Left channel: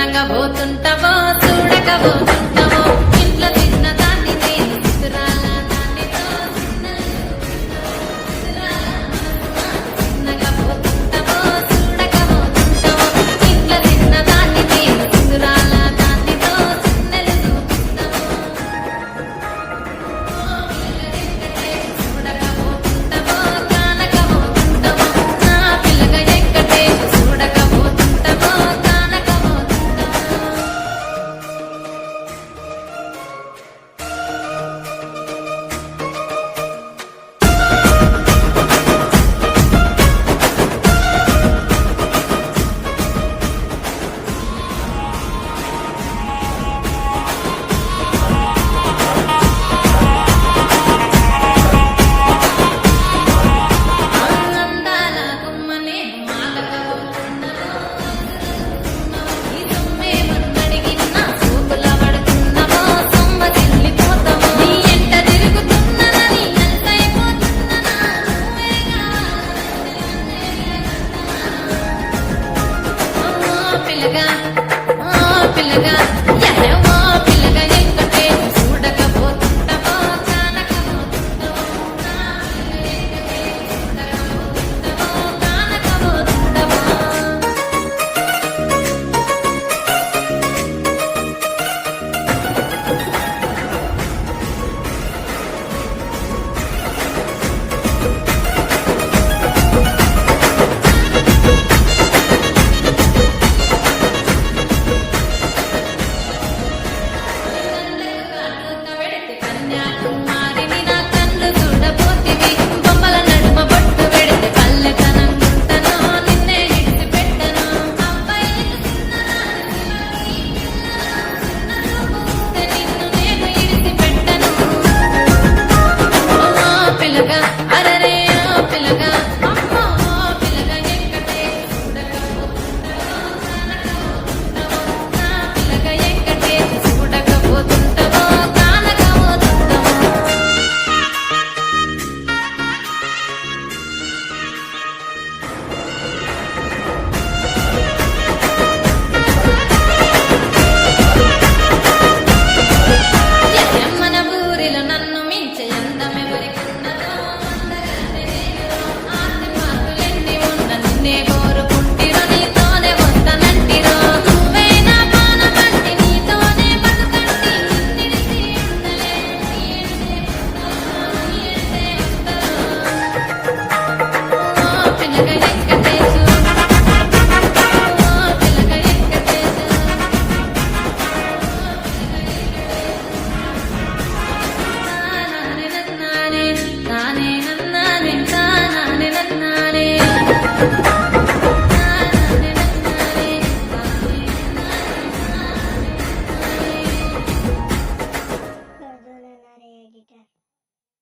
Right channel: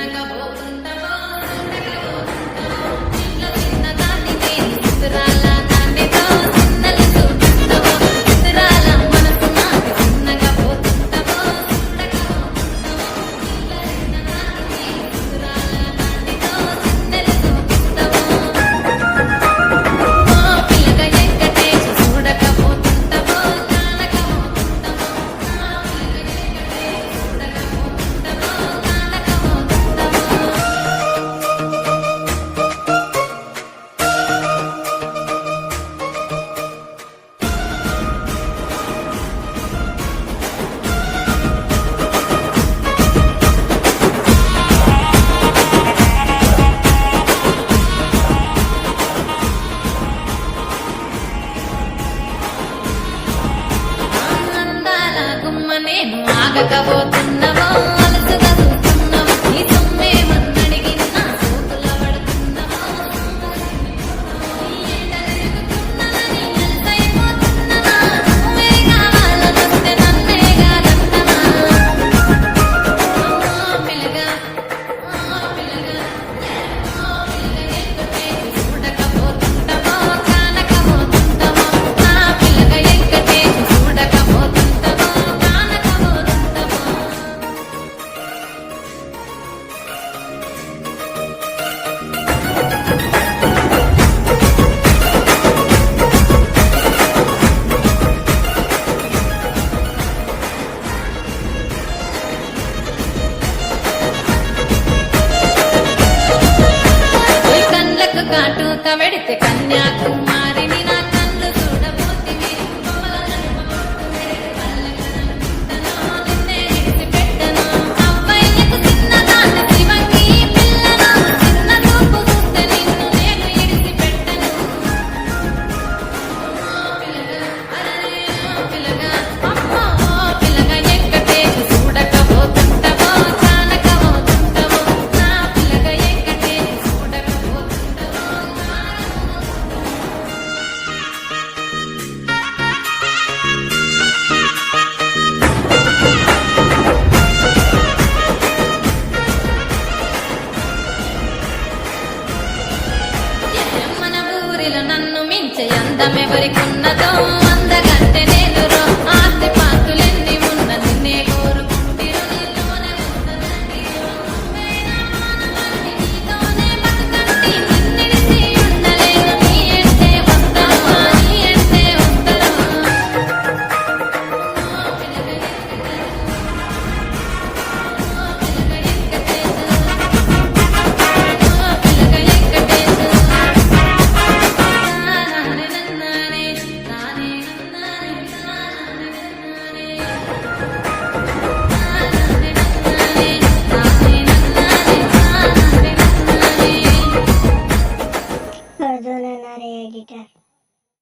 చిన్నగా పోతుంటావో చూడకపోతుంటావో ఇంట్లో తిన్న దాన్ని నేను చిత్రాల దాన్నితో చిన్నలు చూపిస్తావో చిత్రాల మనసు నాకు చిన్నగా పోతుంటావో చూడకపోతుంటావో ఇంట్లో తిన్న దాన్ని నేను చిత్రాల దాన్నితో చిన్నలు చూపిస్తావో ఓ పిల్లగా ఎక్కటేసి చూడకపోతుంటావో కానకపోతుంటావో నా పిల్లగా ఎక్కటేసి చూడకపోతుంటావో కానకపోతుంటావో ఆనందాల గుమ్మ నేను ఆగకపోతున్నావో అలసుగా చూస్తున్నావో నీ సొమ్మేమన్నడిగినా సోకుల పడుతున్నావో సొమ్మ చెల్లిపోతావో నీ ఎంట తిరుగుతున్నానని అలసైపోతున్నానా నువ్వే కావాలనొస్తే నన్నే కాదంటనా ఓ పిల్లగా ఎరే ఓ పిల్లగా ఎక్కటేసి చూడకపోతుంటావో కానకపోతుంటావో నా పిల్లగా ఎక్కటేసి చూడకపోతుంటావో కానకపోతుంటావో ఓయ్ కళ్ళకు కాటుక పెడితే కన్యాకుమారి